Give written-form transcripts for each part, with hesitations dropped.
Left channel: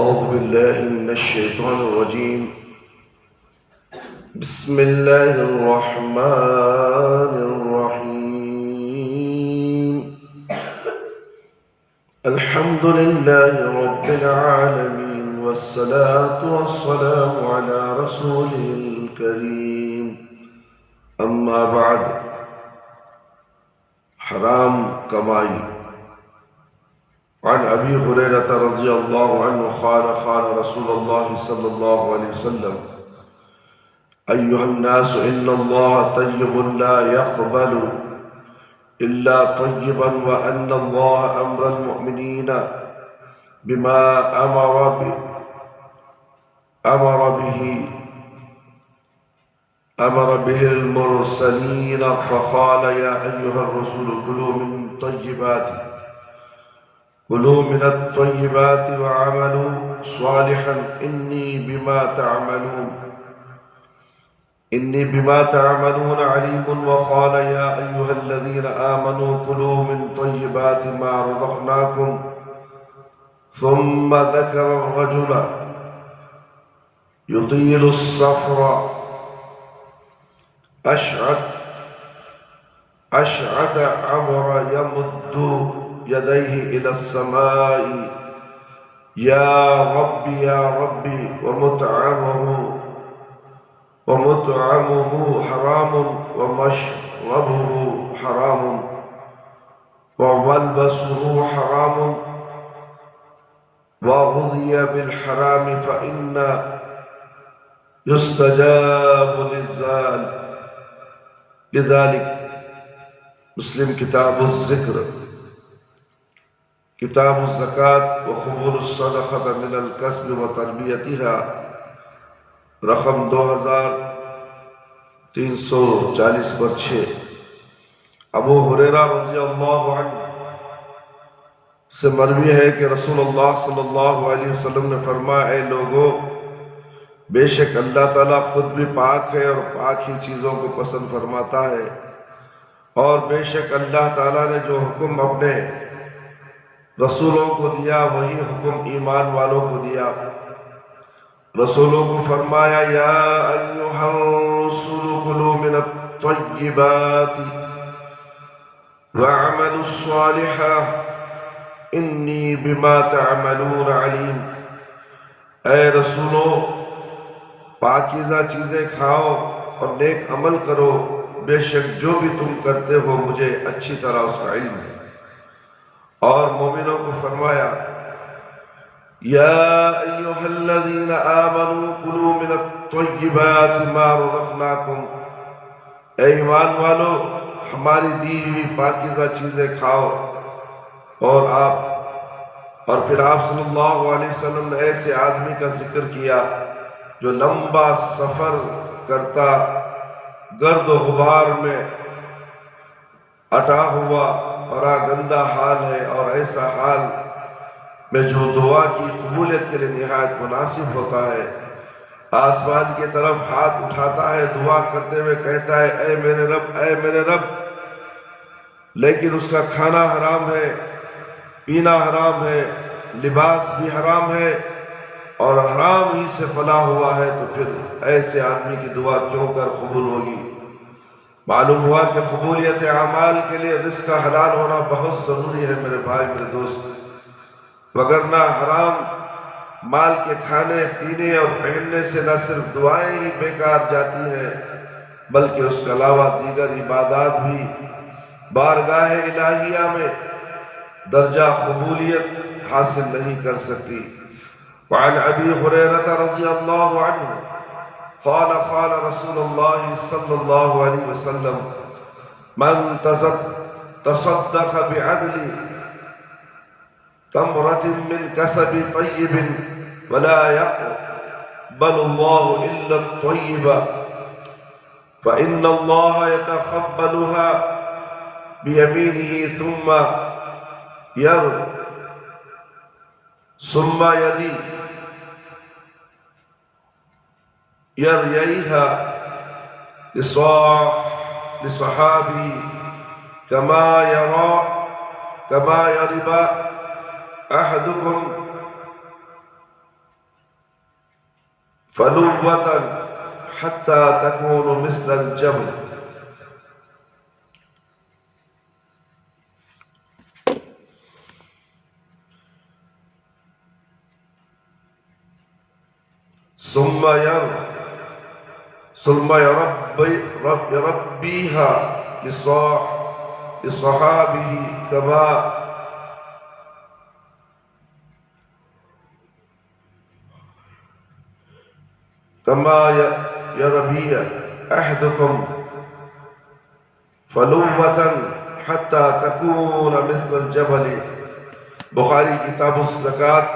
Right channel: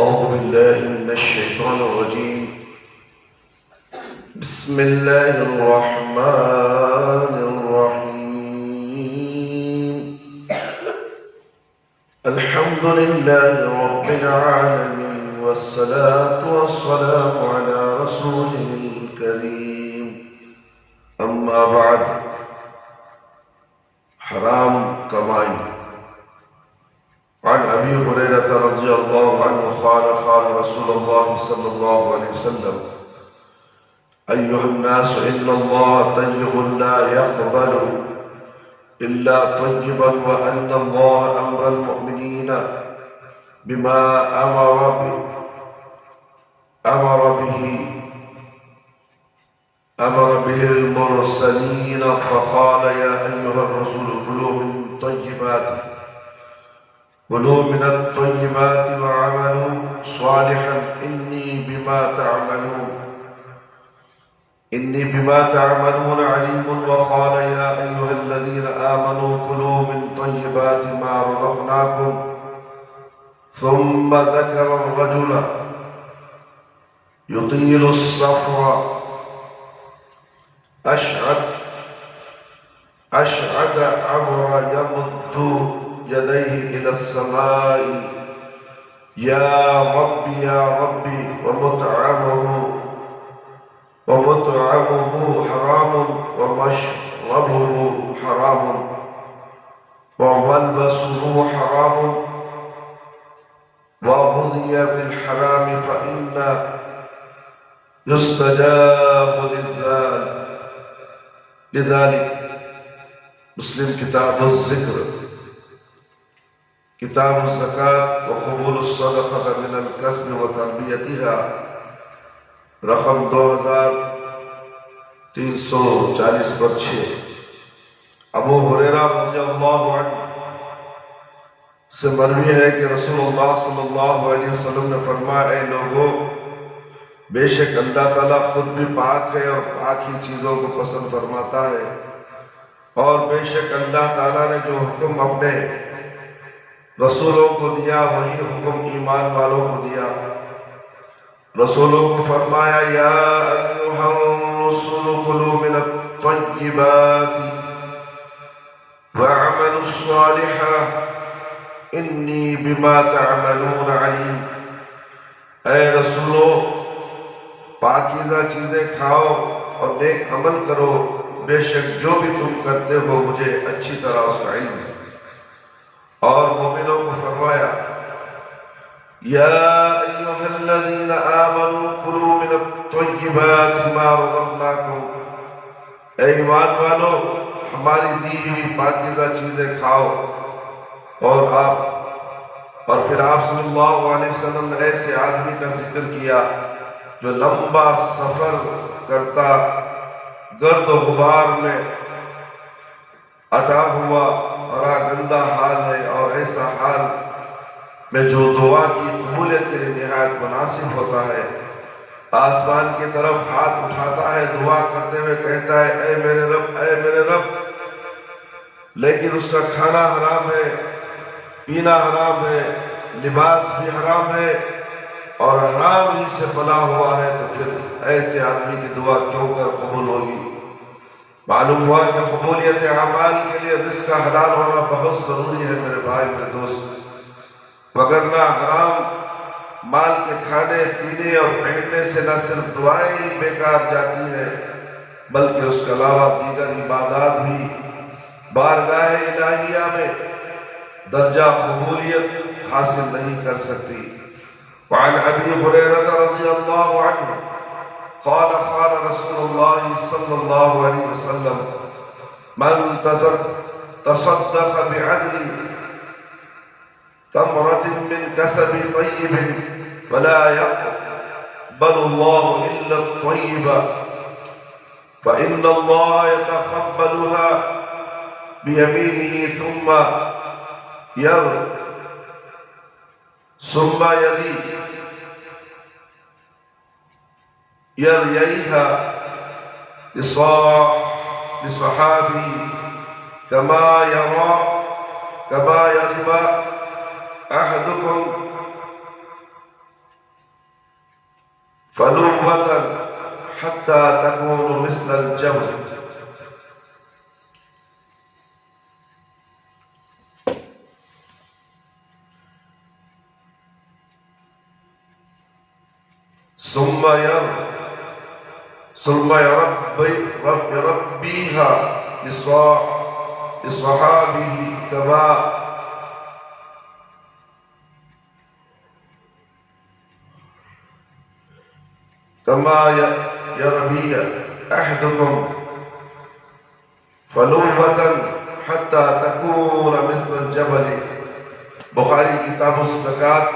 أعوذ بالله من الشيطان الرجيم. بسم الله الرحمن الرحيم. الحمد لله رب العالمين، والصلاة والسلام على رسوله الكريم. أما بعد، حرام کمائی. عن أبي هريرة رضي الله عنه قال قال رسول الله صلى الله عليه وسلم: أيها الناس، إن الله طيب لا يقبل إلا طيبا، وأن الله أمر المؤمنين بما أمر به المرسلين، فقال: يا أيها الرسول كلوا من الطيبات وعملوا صالحا إني بما تعملون عليم. وقال: يا أيها الذين آمنوا كلوا من طيبات ما رزقناكم. ثم ذكر الرجل يطيل السفر أشعث عبر يمد يديه إلى السماء: يا ربي يا ربي، ومطعمه حرام، ومشربه حرام، وملبسه حرام، وغذي بالحرام، فإن يستجاب لذلك. مسلم کتاب الذکر، کتاب الزکاة وقبول الصدقة من الکسب وتربیتها، رقم 2340/6. ابو ہریرہ رضی اللہ عنہ سے مروی ہے کہ رسول اللہ صلی اللہ علیہ وسلم نے فرمایا: اے لوگو، بے شک اللہ تعالیٰ خود بھی پاک ہے اور پاک ہی چیزوں کو پسند فرماتا ہے، اور بے شک اللہ تعالیٰ نے جو حکم اپنے رسولوں کو دیا وہی حکم ایمان والوں کو دیا. رسولوں کو فرمایا: یا ایھا الرسل کلوا من الطیبات واعملوا صالحا انی بما تعملون علیم. اے رسولو، پاکیزہ چیزیں کھاؤ اور نیک عمل کرو، بے شک جو بھی تم کرتے ہو مجھے اچھی طرح اس کا علم ہے. اور مومنوں کو فرمایا: یا ایھا الذین آمنوا کلوا من الطیبات ما رزقناکم. اے ایمان والو، ہماری دی ہوئی پاکیزہ چیزیں کھاؤ. اور پھر آپ صلی اللہ علیہ وسلم نے ایسے آدمی کا ذکر کیا جو لمبا سفر کرتا، گرد و غبار میں اٹا ہوا، برا گندا حال ہے، اور ایسا حال میں جو دعا کی قبولیت کے لیے نہایت مناسب ہوتا ہے. آسمان کی طرف ہاتھ اٹھاتا ہے، دعا کرتے ہوئے کہتا ہے: اے میرے رب، اے میرے رب. لیکن اس کا کھانا حرام ہے، پینا حرام ہے، لباس بھی حرام ہے، اور حرام ہی سے پلا ہوا ہے، تو پھر ایسے آدمی کی دعا کیوں کر قبول ہوگی؟ معلوم ہوا کہ قبولیت اعمال کے لیے رزق کا حلال ہونا بہت ضروری ہے میرے بھائی، میرے دوست. وگرنہ حرام مال کے کھانے پینے اور پہننے سے نہ صرف دعائیں ہی بیکار جاتی ہیں، بلکہ اس کے علاوہ دیگر عبادات بھی بارگاہ الہیہ میں درجہ قبولیت حاصل نہیں کر سکتی. وعن ابی ہریرہ رضی اللہ عنہ قال قال رسول اللہ صلی اللہ علیہ وسلم: من تصدق بعدل تمرة من كسب طيب ولا يقبل الله إلا الطيب فإن الله يتقبلها بيمينه ثم يريها لصحابي كما يربى أحدكم فلوة حتى تكون مثل الجبل. ثم يربيها لصحابه كما يربي أحدكم فلوة حتى تكون مثل الجبل. بخاری کتاب الزکات،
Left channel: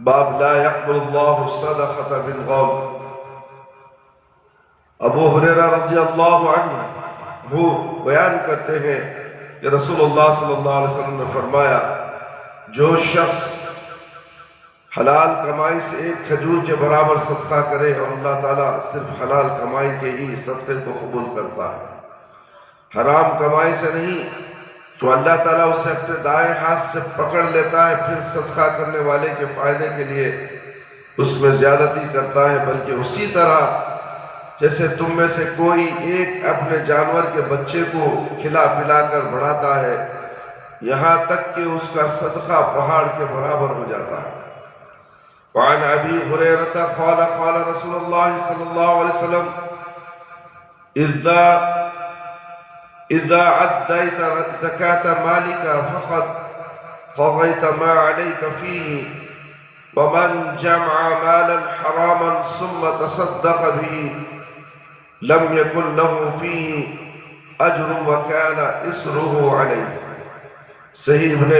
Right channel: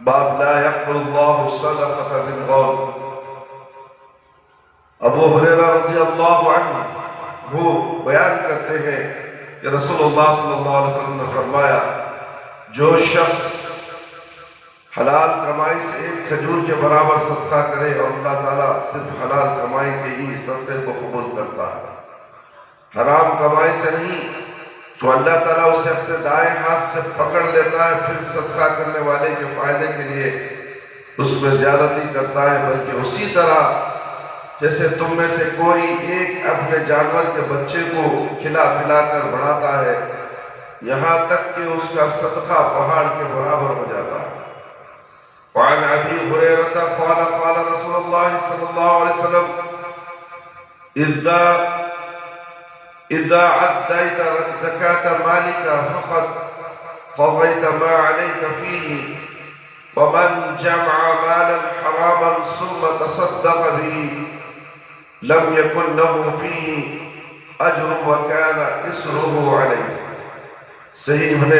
باب لا يقبل الله الصدقة بالغول. ابو ہریرہ رضی اللہ عنہ وہ بیان کرتے ہیں کہ رسول اللہ صلی اللہ علیہ وسلم نے فرمایا، جو شخص حلال کمائی سے ایک کھجور کے برابر صدقہ کرے اور اللہ تعالیٰ صرف حلال کمائی کے ہی صدقے کو قبول کرتا ہے، حرام کمائی سے نہیں، تو اللہ تعالیٰ اسے اپنے دائیں ہاتھ سے پکڑ لیتا ہے، پھر صدقہ کرنے والے کے فائدے کے لیے اس میں زیادتی کرتا ہے. بلکہ اسی طرح جیسے تم میں سے کوئی ایک اپنے جانور کے بچے کو کھلا پلا کر بڑھاتا ہے یہاں تک کہ اس کا صدقہ پہاڑ کے برابر ہو جاتا ہے. وعن ابی ہریرہ قال قال رسول اللہ صلی اللہ علیہ وسلم اذا عديت زكاة مالك فقد قضيت ما عليك فيه، ومن جمع مالا حراما ثم تصدق به لم يكن له فيه اجر وكان اسره عليه. صحیح ابن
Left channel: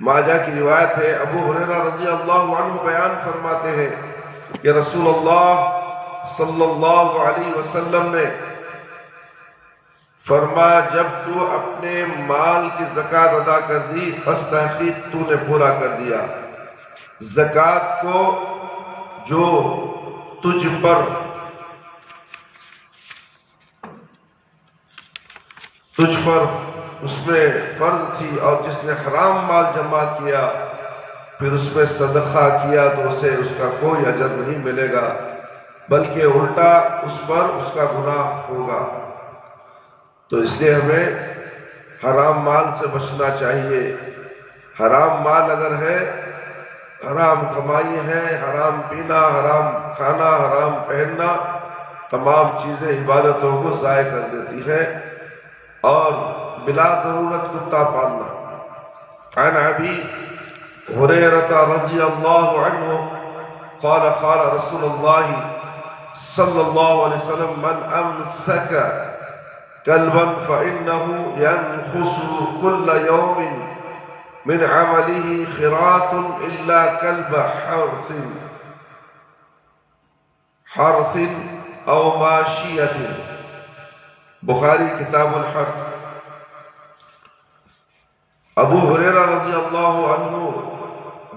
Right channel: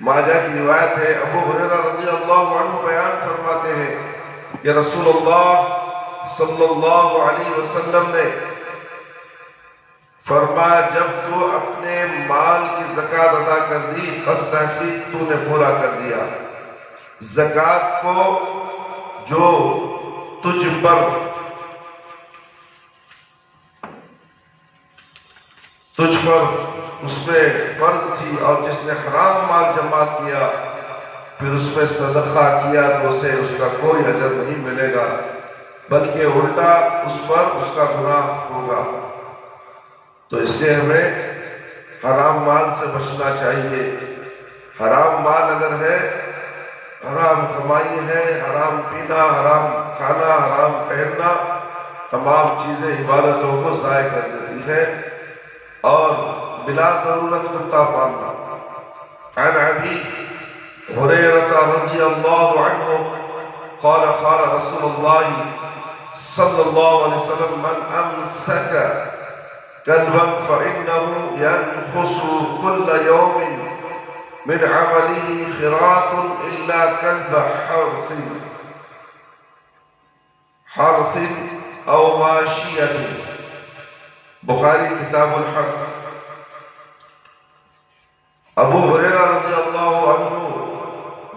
ماجہ کی روایت ہے. ابو ہریرہ رضی اللہ عنہ بیان فرماتے ہیں کہ رسول اللہ صلی اللہ علیہ وسلم نے فرمایا، جب تو اپنے مال کی زکوٰۃ ادا کر دی بس تحقیق تو نے پورا کر دیا. زکوٰۃ کو جو تجھ پر اس میں فرض تھی، اور جس نے حرام مال جمع کیا پھر اس میں صدقہ کیا تو اسے اس کا کوئی اجر نہیں ملے گا، بلکہ الٹا اس پر اس کا گناہ ہوگا. تو اس لیے ہمیں حرام مال سے بچنا چاہیے. حرام مال اگر ہے، حرام کمائی ہے، حرام پینا، حرام کھانا، حرام پہننا، تمام چیزیں عبادتوں کو ضائع کر دیتی ہیں اور بلا ضرورت کتا پالنا. عن ابی ہریرہ رضی اللہ عنہ قال قال رسول اللہ صلی اللہ علیہ وسلم من امسک كلبا فإنه ينقص كل يوم من عمله خراط إلا كلب حرث أو ماشية. بخاری کتاب الحرث. ابو ہریرہ رضی اللہ عنہ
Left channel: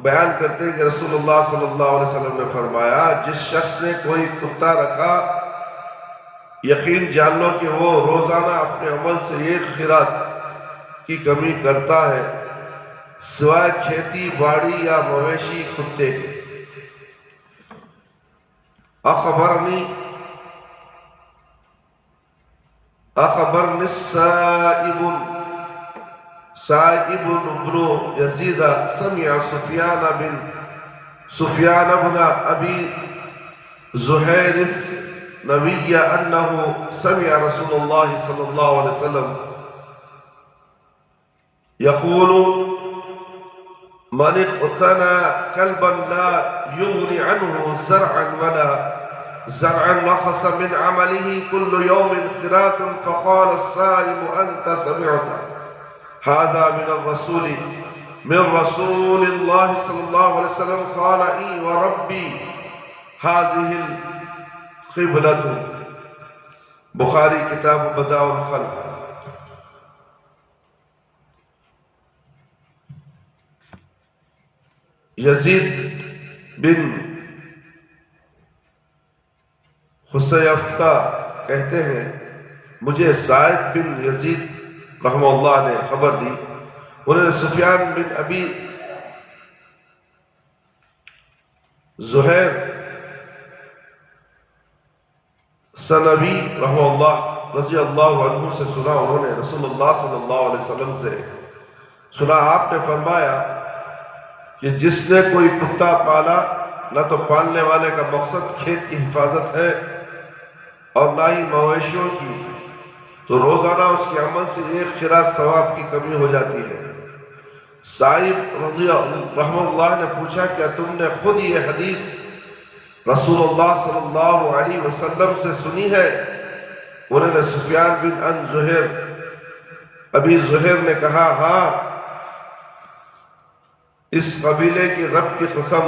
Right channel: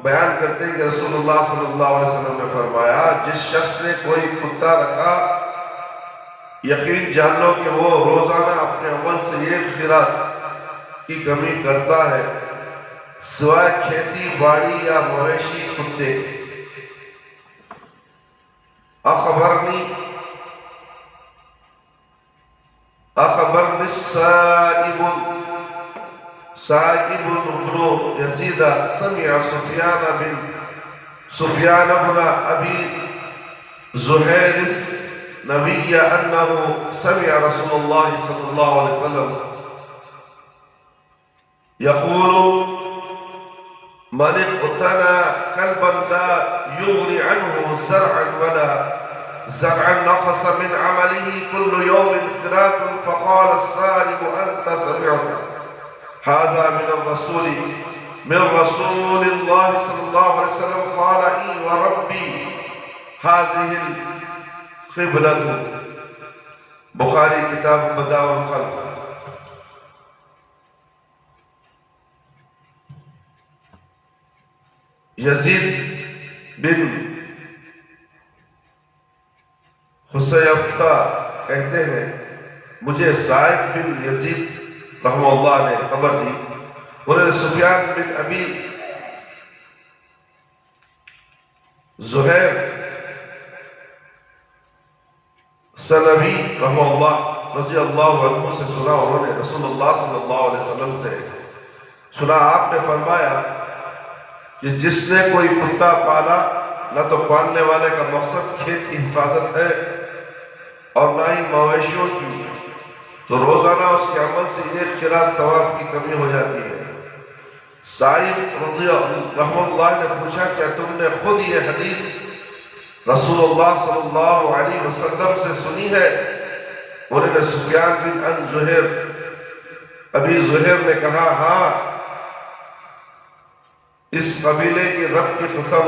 بیان کرتے ہیں کہ رسول اللہ صلی اللہ علیہ وسلم نے فرمایا، جس شخص نے کوئی کتا رکھا یقین جان لو کہ وہ روزانہ اپنے عمل سے ایک خیرات کی کمی کرتا ہے سوائے کھیتی باڑی یا مویشی کتے کے. اخبرنی السائب بن یزید سمع سفیان بن ابی زہیر نبی انه سمع رسول اللہ صلی اللہ علیہ وسلم يقول من اقتنى كلبا لا يغني عنه زرعا ولا زرعا نقص من عمله كل يوم خراط، فقال السائب أنت سمعت هذا من رسول الله صلى الله عليه وسلم؟ قال إي وربي هذه القبلة. بخاری کتاب بداء الخلق. یزید بن خسیفہ کہتے ہیں مجھے سائب بن یزید رحمہ اللہ نے خبر دی، انہوں نے سفیان بن ابی زہیر سنبی رحمہ اللہ رضی اللہ عنہ سے سنا، انہوں نے رسول اللہ صلی اللہ علیہ وسلم سے سنا، آپ نے فرمایا کہ جس نے کوئی کتا پالا، نہ تو پالنے والے کا مقصد کھیت کی حفاظت ہے اور نہ ہی مویشیوں کی، تو روزانہ اس کے عمل سے ایک خراج ثواب کی کمی ہو جاتی ہے۔ سعید رضی رحمہ اللہ نے پوچھا، کیا تم نے خود یہ حدیث رسول اللہ صلی اللہ علیہ وسلم سے سنی ہے؟ انہوں نے سفیان بن ان زہر ابی زہر نے کہا، ہاں، اس قبیلے کی رب کی قسم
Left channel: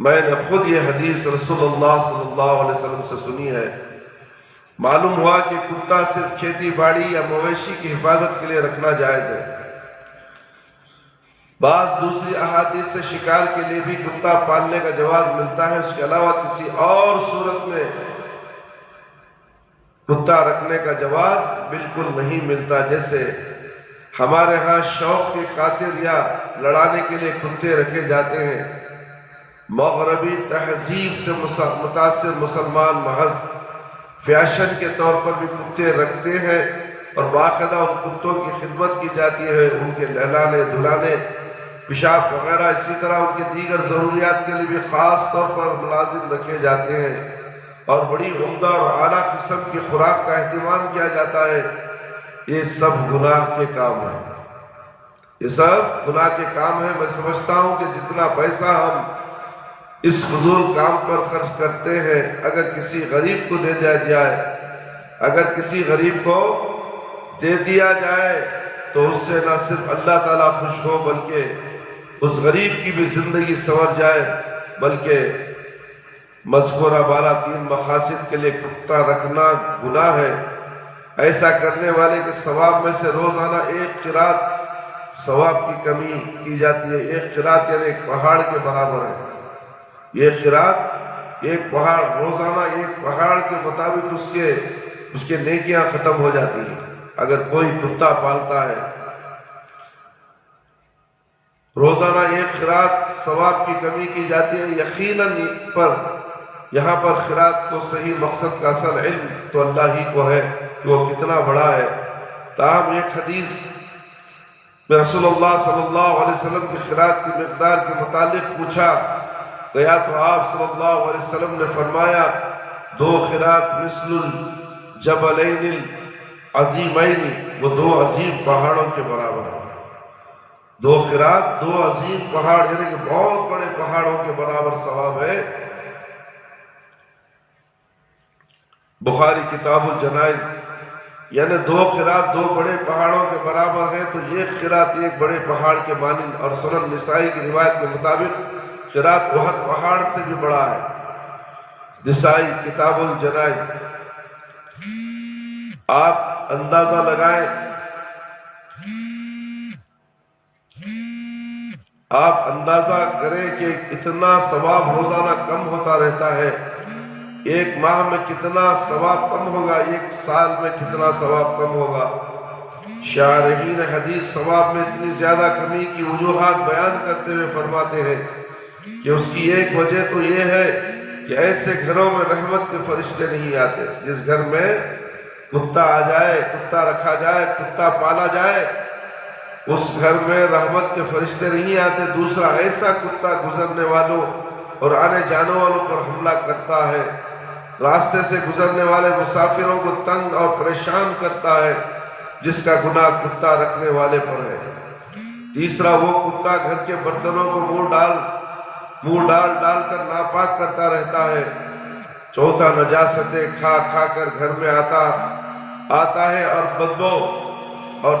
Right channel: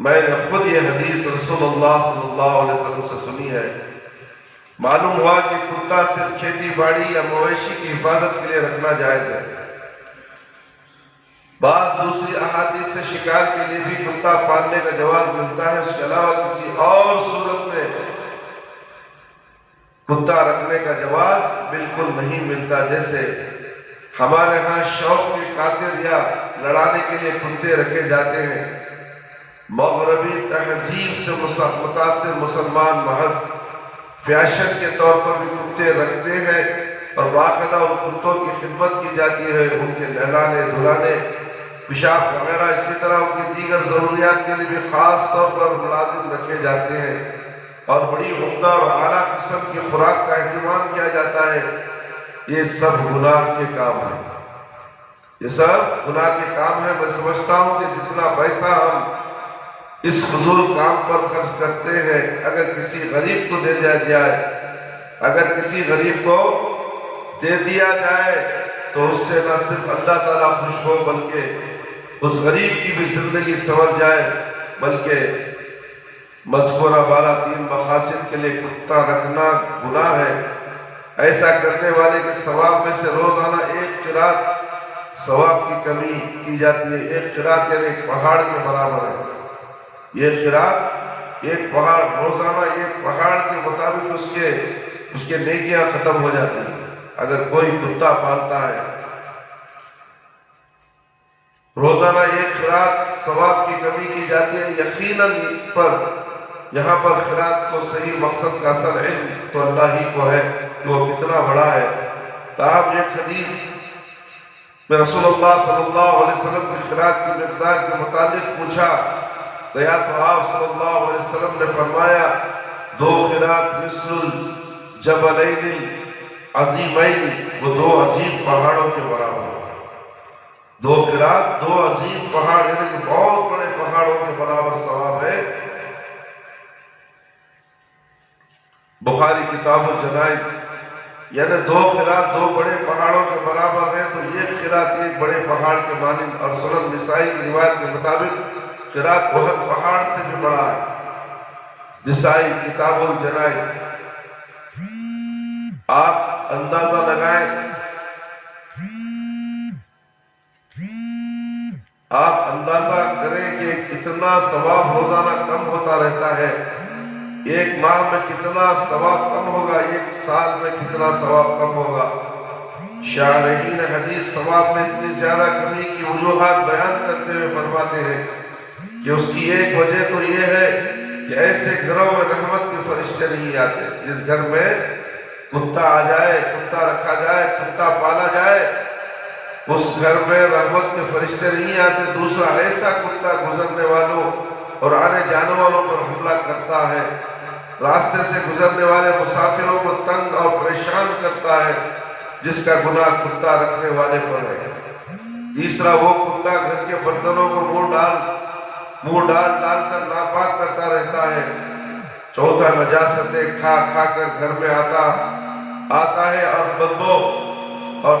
میں نے خود یہ حدیث رسول اللہ صلی اللہ علیہ وسلم سے سنی ہے۔ معلوم ہوا کہ کتا صرف کھیتی باڑی یا مویشی کی حفاظت کے لیے رکھنا جائز ہے۔ بعض دوسری احادیث سے شکار کے لیے بھی کتا پالنے کا جواز ملتا ہے، اس کے علاوہ کسی اور صورت میں کتا رکھنے کا جواز بالکل نہیں ملتا۔ جیسے ہمارے ہاں شوق کی خاطر یا لڑانے کے لیے کتے رکھے جاتے ہیں، مغربی تہذیب سے متاثر مسلمان محض فیشن کے طور پر بھی کتے رکھتے ہیں اور باقاعدہ ان کتوں کی خدمت کی جاتی ہے، ان کے نہلانے دھلانے، پیشاب وغیرہ، اسی طرح ان کی دیگر ضروریات کے لیے بھی خاص طور پر ملازم رکھے جاتے ہیں اور بڑی عمدہ اور اعلیٰ قسم کی خوراک کا اہتمام کیا جاتا ہے۔ یہ سب گناہ کے کام ہیں، یہ سب گناہ کے کام ہیں۔ میں سمجھتا ہوں کہ جتنا پیسہ ہم اس فضول کام پر خرچ کرتے ہیں، اگر کسی غریب کو دے دیا جائے، اگر کسی غریب کو دے دیا جائے تو اس سے نہ صرف اللہ تعالیٰ خوش ہو بلکہ اس غریب کی بھی زندگی سنور جائے، بلکہ مذکورہ بالا تین مقاصد کے لیے کتا رکھنا گناہ ہے۔ ایسا کرنے والے کے ثواب میں سے روزانہ ایک قرات ثواب کی کمی کی جاتی ہے۔ ایک قرات یعنی ایک پہاڑ کے برابر ہے۔ یہ قرات ایک پہاڑ، روزانہ ایک پہاڑ کے مطابق اس کے نیکیاں ختم ہو جاتی ہیں۔ اگر کوئی کتا پالتا ہے، روزانہ ایک قرات ثواب کی کمی کی جاتی ہے۔ یقیناً یہاں پر قرات کو صحیح مقصد کا اصل علم تو اللہ ہی کو ہے کہ وہ کتنا بڑا ہے۔ تاہم ایک حدیث میں رسول اللہ صلی اللہ علیہ وسلم کی قرات کی مقدار کے متعلق پوچھا گیا تو آپ صلی اللہ علیہ وسلم نے فرمایا، 2 قرات مثل الجبلین عظیمین، وہ 2 عظیم پہاڑوں کے برابر ہے۔ 2 قرات 2 عظیم پہاڑ یعنی کہ بہت بڑے پہاڑوں کے برابر ثواب ہے۔ بخاری کتاب الجنائز، یعنی 2 قرات 2 بڑے پہاڑوں کے برابر ہے تو ایک قرات ایک بڑے پہاڑ کے مانند، اور سنن نسائی کی روایت کے مطابق قرات احد پہاڑ سے بھی بڑا ہے۔ نسائی کتاب الجنائز۔ آپ اندازہ لگائیں، آپ اندازہ کریں کہ اتنا ثواب روزانہ کم ہوتا رہتا ہے۔ ایک ماہ میں کتنا ثواب کم ہوگا، ایک سال میں کتنا ثواب کم ہوگا۔ شارحین حدیث ثواب میں اتنی زیادہ کمی کی وجوہات بیان کرتے ہوئے فرماتے ہیں کہ اس کی ایک وجہ تو یہ ہے کہ ایسے گھروں میں رحمت کے فرشتے نہیں آتے۔ جس گھر میں کتا آ جائے، کتا رکھا جائے، کتا پالا جائے، اس گھر میں رحمت کے فرشتے نہیں آتے۔ دوسرا، ایسا کتا گزرنے والوں اور آنے جانے والوں پر حملہ کرتا ہے، راستے سے گزرنے والے مسافروں کو تنگ اور پریشان کرتا ہے، جس کا گناہ کتا رکھنے والے پر ہے۔ تیسرا، وہ کتا گھر کے برتنوں کو منہ ڈال کر ناپاک کرتا رہتا ہے۔ چوتھا، نجاستیں کھا کھا کر گھر میں آتا ہے اور بدبو اور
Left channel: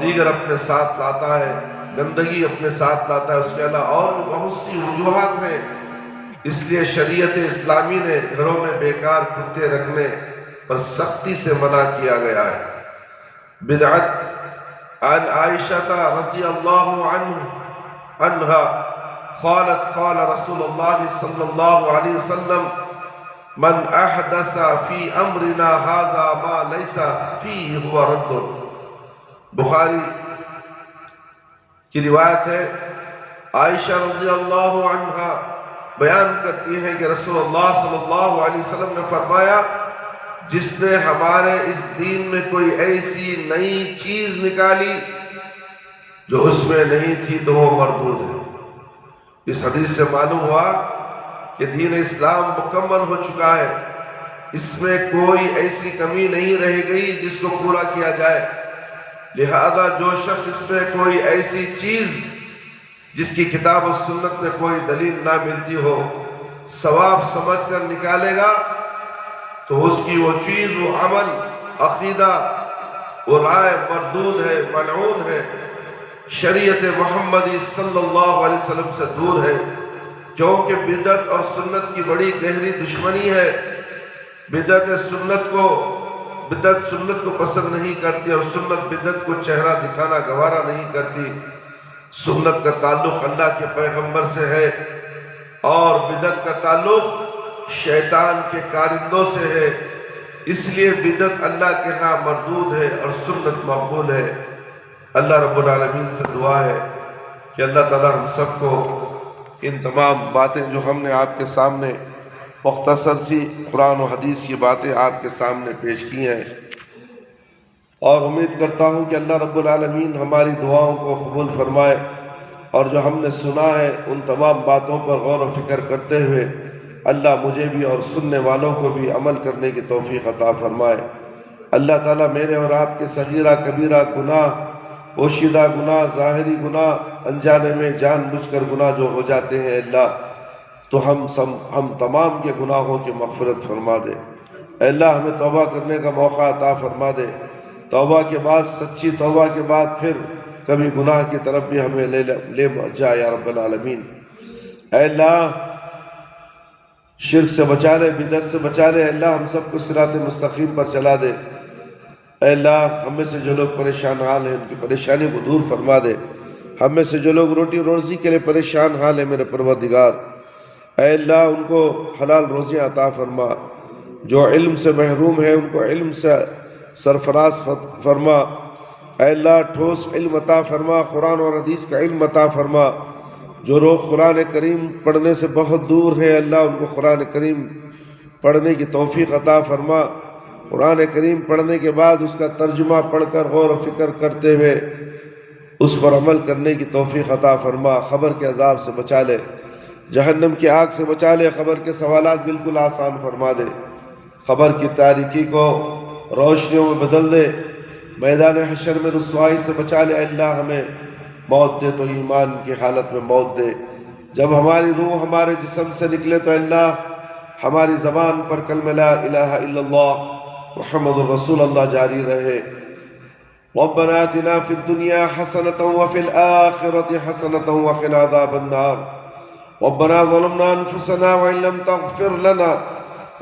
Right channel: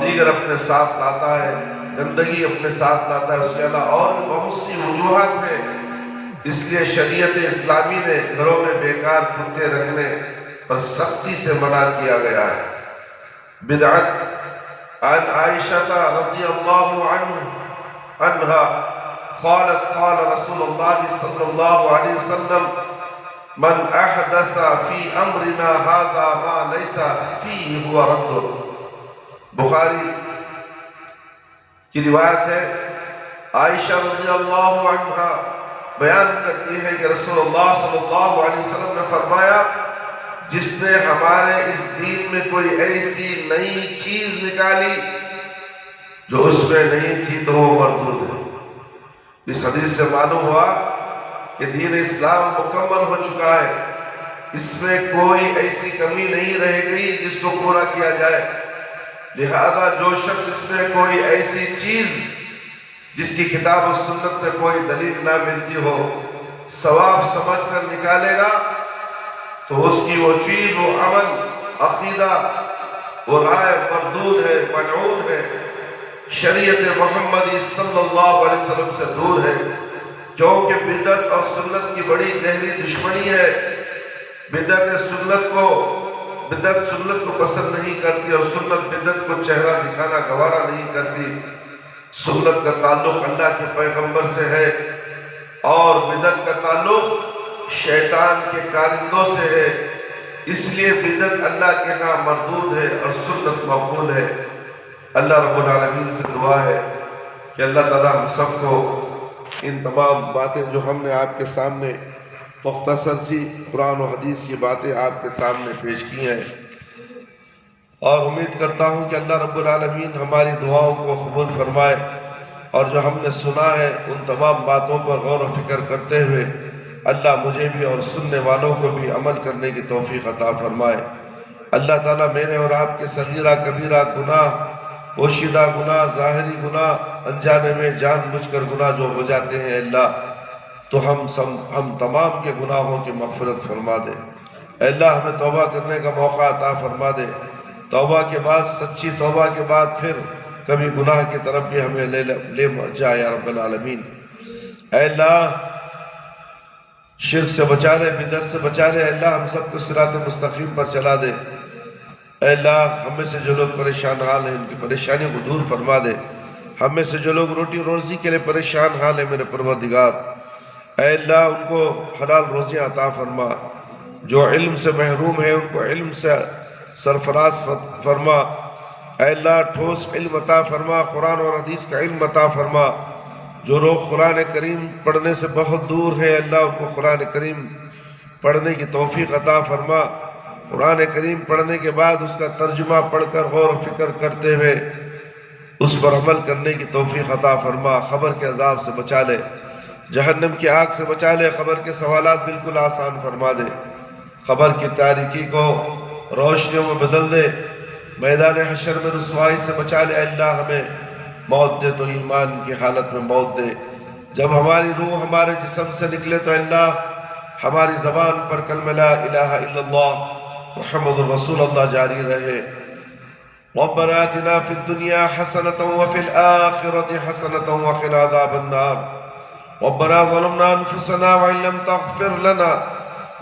دیگر اپنے ساتھ لاتا ہے، گندگی اپنے ساتھ لاتا ہے۔ اس کے علاوہ اور بھی بہت سی وجوہات ہیں، اس لیے شریعت اسلامی نے گھروں میں بیکار کتے رکھنے پر سختی سے منع کیا گیا ہے۔ بدعت عن عائشہ رضی اللہ عنہا قالت قال رسول اللہ صلی اللہ علیہ وسلم من احدث فی امرنا هذا ما لیس فیہ هو رد۔ بخاری کی روایت ہے، عائشہ رضی اللہ عنہا بیان کرتی ہے کہ رسول اللہ صلی اللہ علیہ وسلم نے فرمایا، جس نے ہمارے اس دین میں کوئی ایسی نئی چیز نکالی جو اس میں نہیں تھی تو وہ مردود ہے۔ اس حدیث سے معلوم ہوا کہ دین اسلام مکمل ہو چکا ہے، اس میں کوئی ایسی کمی نہیں رہ گئی جس کو پورا کیا جائے۔ لہذا جو شخص اس میں کوئی ایسی چیز جس کی کتاب و سنت میں کوئی دلیل نہ ملتی ہو ثواب سمجھ کر نکالے گا تو اس کی وہ چیز، وہ عمل، عقیدہ، وہ رائے مردود ہے، ملعون ہے، شریعت محمدی صلی اللہ علیہ وسلم سے دور ہے، کیونکہ بدعت اور سنت کی بڑی گہری دشمنی ہے۔ بدعت سنت کو پسند نہیں کرتی اور سنت بدعت کو چہرہ دکھانا گوارا نہیں کرتی۔ سنت کا تعلق اللہ کے پیغمبر سے ہے اور بدعت کا تعلق شیطان کے کارندوں سے ہے، اس لیے بدعت اللہ کے ہاں مردود ہے اور سنت مقبول ہے۔ اللہ رب العالمین سے دعا ہے کہ اللہ تعالیٰ ہم سب کو ان تمام باتیں جو ہم نے آپ کے سامنے مختصر سی قرآن و حدیث کی باتیں آپ کے سامنے پیش کی ہیں، اور امید کرتا ہوں کہ اللہ رب العالمین ہماری دعاؤں کو قبول فرمائے، اور جو ہم نے سنا ہے ان تمام باتوں پر غور و فکر کرتے ہوئے اللہ مجھے بھی اور سننے والوں کو بھی عمل کرنے کی توفیق عطا فرمائے۔ اللہ تعالیٰ میرے اور آپ کے صغیرہ کبیرہ گناہ، پوشیدہ گناہ، ظاہری گناہ، انجانے میں جان بوجھ کر گناہ جو ہو جاتے ہیں اللہ، تو ہم تمام کے گناہوں کی مغفرت فرما دے۔ اے اللہ ہمیں توبہ کرنے کا موقع عطا فرما دے، توبہ کے بعد، سچی توبہ کے بعد پھر کبھی گناہ کی طرف بھی ہمیں لے جائے یا رب العالمین۔ اے اللہ شرک سے بچا لے، بدعت سے بچا لے، اللہ ہم سب کو صراط مستقیم پر چلا دے۔ اے اللہ ہم میں سے جو لوگ پریشان حال ہیں ان کی پریشانی کو دور فرما دے، ہم میں سے جو لوگ روٹی روزی کے لیے پریشان حال ہیں میرے پروردگار، اے اللہ ان کو حلال روزیاں عطا فرما، جو علم سے محروم ہیں ان کو علم سے سرفراز فرما، اے اللہ ٹھوس علم عطا فرما، قرآن اور حدیث کا علم عطا فرما۔ جو لوگ قرآن کریم پڑھنے سے بہت دور ہیں اللہ ان کو قرآن کریم پڑھنے کی توفیق عطا فرما، قرآن کریم پڑھنے کے بعد اس کا ترجمہ پڑھ کر غور و فکر کرتے ہوئے اس پر عمل کرنے کی توفیق عطا فرما، خبر کے عذاب سے بچا لے، جہنم کی آگ سے بچا لے، خبر کے سوالات بالکل آسان فرما دے، خبر کی تاریکی کو روشنیوں میں بدل دے، میدان حشر میں رسوائی سے بچا لے۔ اللہ ہمیں موت دے تو ایمان کی حالت میں موت دے، جب ہماری روح ہمارے جسم سے نکلے تو اللہ ہماری زبان پر کلمہ لا الہ الا اللہ محمد الرسول اللہ جاری رہے۔ ربنا آتنا فی الدنیا حسنۃ وفی الآخرۃ حسنۃ وقنا عذاب النار۔ ربنا ظلمنا انفسنا وان لم تغفر لنا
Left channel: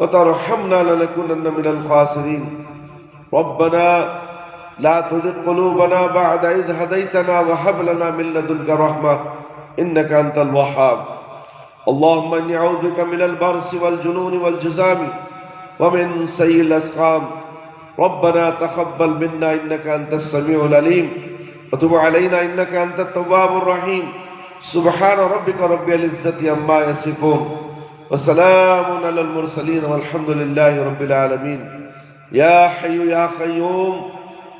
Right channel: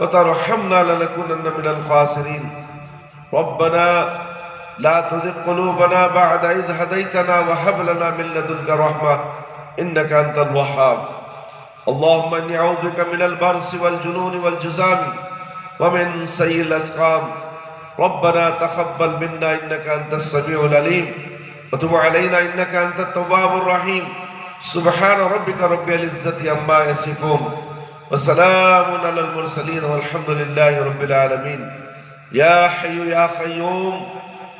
وترحمنا لنكونن من الخاسرین۔ ربنا لا تزغ قلوبنا بعد إذ هديتنا وهب لنا من لدنك رحمة إنك أنت الوهاب۔ اللهم إني أعوذ بك من البرص والجنون والجذام ومن سيء الأسقام۔ ربنا تقبل منا إنك أنت السميع العليم وتب علينا إنك أنت التواب الرحيم۔ سبحان ربك رب العزة عما يصفون وسلام على المرسلين والحمد لله رب العالمين۔ يا حي يا قيوم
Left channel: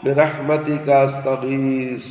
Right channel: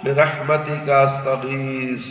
برحمتك استغيث۔